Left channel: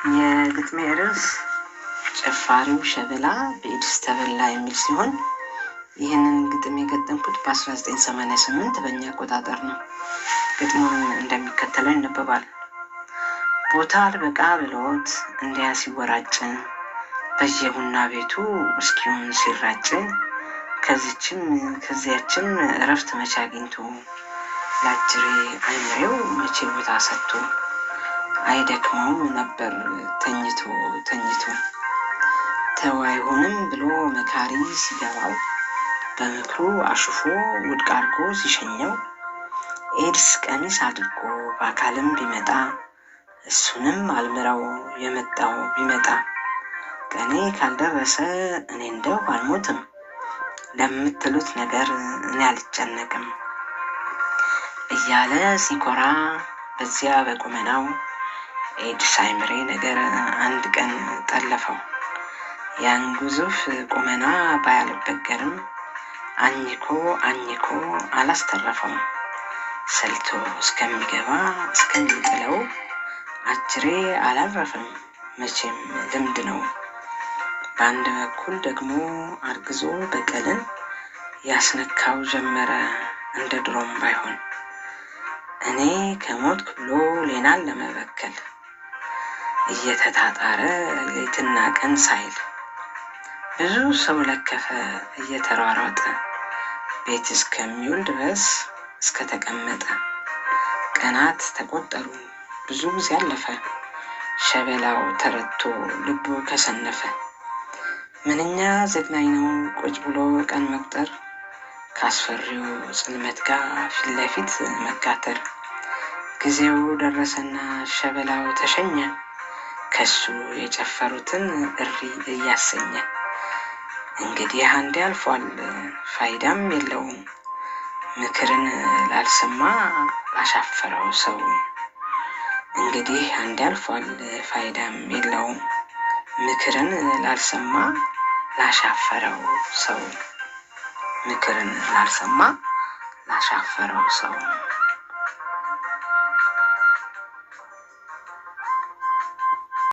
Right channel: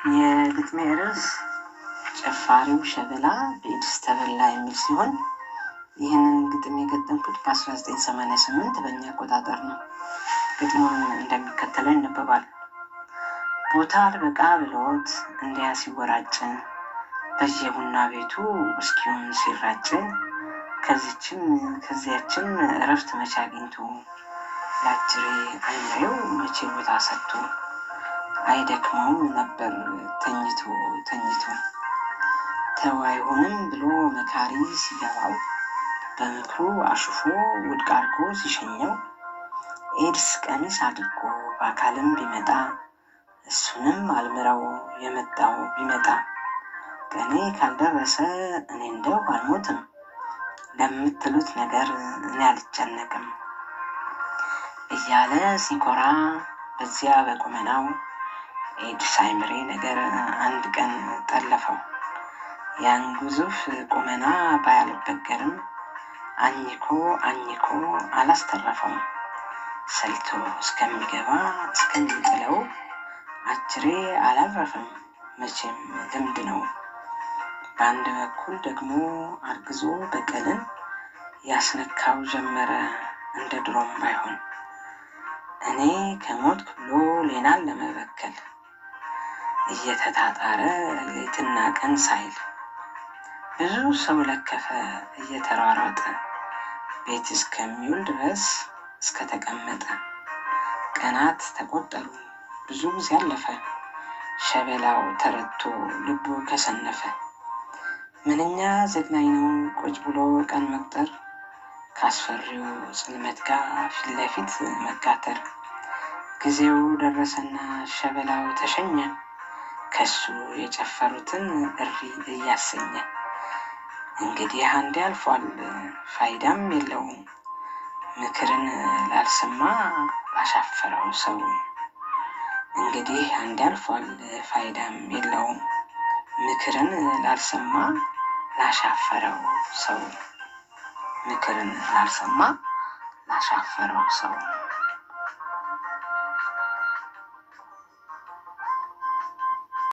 የግጥሜ ርዕስ ጨፋሪው ሸበላ በኤድስ ተበላ የሚል ሲሆን ይህንን ግጥም የገጠምኩት በ1988 በእኛ አቆጣጠር ነው። ግጥሙን እንደሚከተለው ይነበባል። ቦታ አልበቃ ብሎት እንዲያ ሲወራጭ በየቡና ቤቱ ውስኪውን ሲራጭ ከዚያችን እረፍት መቼ አግኝቶ ላጅሬ አይምሬው መቼ ቦታ ሰጥቶ አይደክመው ነበር ተኝቶ ተው አይሆንም ብሎ መካሪ ሲገባው በምክሩ አሽፎ ውድቅ አድርጎ ሲሸኘው ኤድስ ቀሚስ አድርጎ በአካልም ቢመጣ እሱንም አልምረው የመጣው ቢመጣ ቀኔ ካልደረሰ እኔ እንደው አልሞትም ለምትሉት ነገር እኔ አልጨነቅም እያለ ሲኮራ በዚያ በቁመናው ኤድስ አይምሬ ነገር አንድ ቀን ጠለፈው። ያን ግዙፍ ቁመና ባያልበገርም አኝኮ አላስተረፈው። ሰልቶ እስከሚገባ እስከሚጥለው አጅሬ አላረፈም መቼም ልምድ ነው። በአንድ በኩል ደግሞ አርግዞ በቀልን ያስነካው ጀመረ እንደ ድሮም ባይሆን እኔ ከሞትኩ ብሎ ሌናን ለመበከል እየተታጣረ ሌትና ቀን ሳይል ብዙ ሰው ለከፈ እየተሯሯጠ ቤት እስከሚውል ድረስ እስከተቀመጠ ቀናት ተቆጠሩ ብዙ ጊዜ አለፈ ሸበላው ተረቶ ልቡ ከሰነፈ። ምንኛ ዘግናኝ ነው ቁጭ ብሎ ቀን መቁጠር ካስፈሪው ጽልመት ጋር ፊት ለፊት መጋተር። ጊዜው ደረሰና ሸበላው ተሸኘ ከሱ የጨፈሩትን እሪ እያሰኘ። እንግዲህ አንዴ አልፏል ፋይዳም የለውም ምክርን ላልሰማ ላሻፈረው ሰው። እንግዲህ አንዴ አልፏል ፋይዳም የለውም ምክርን ላልሰማ ላሻፈረው ሰው። ምክርን ላልሰማ ላሻፈረው ሰው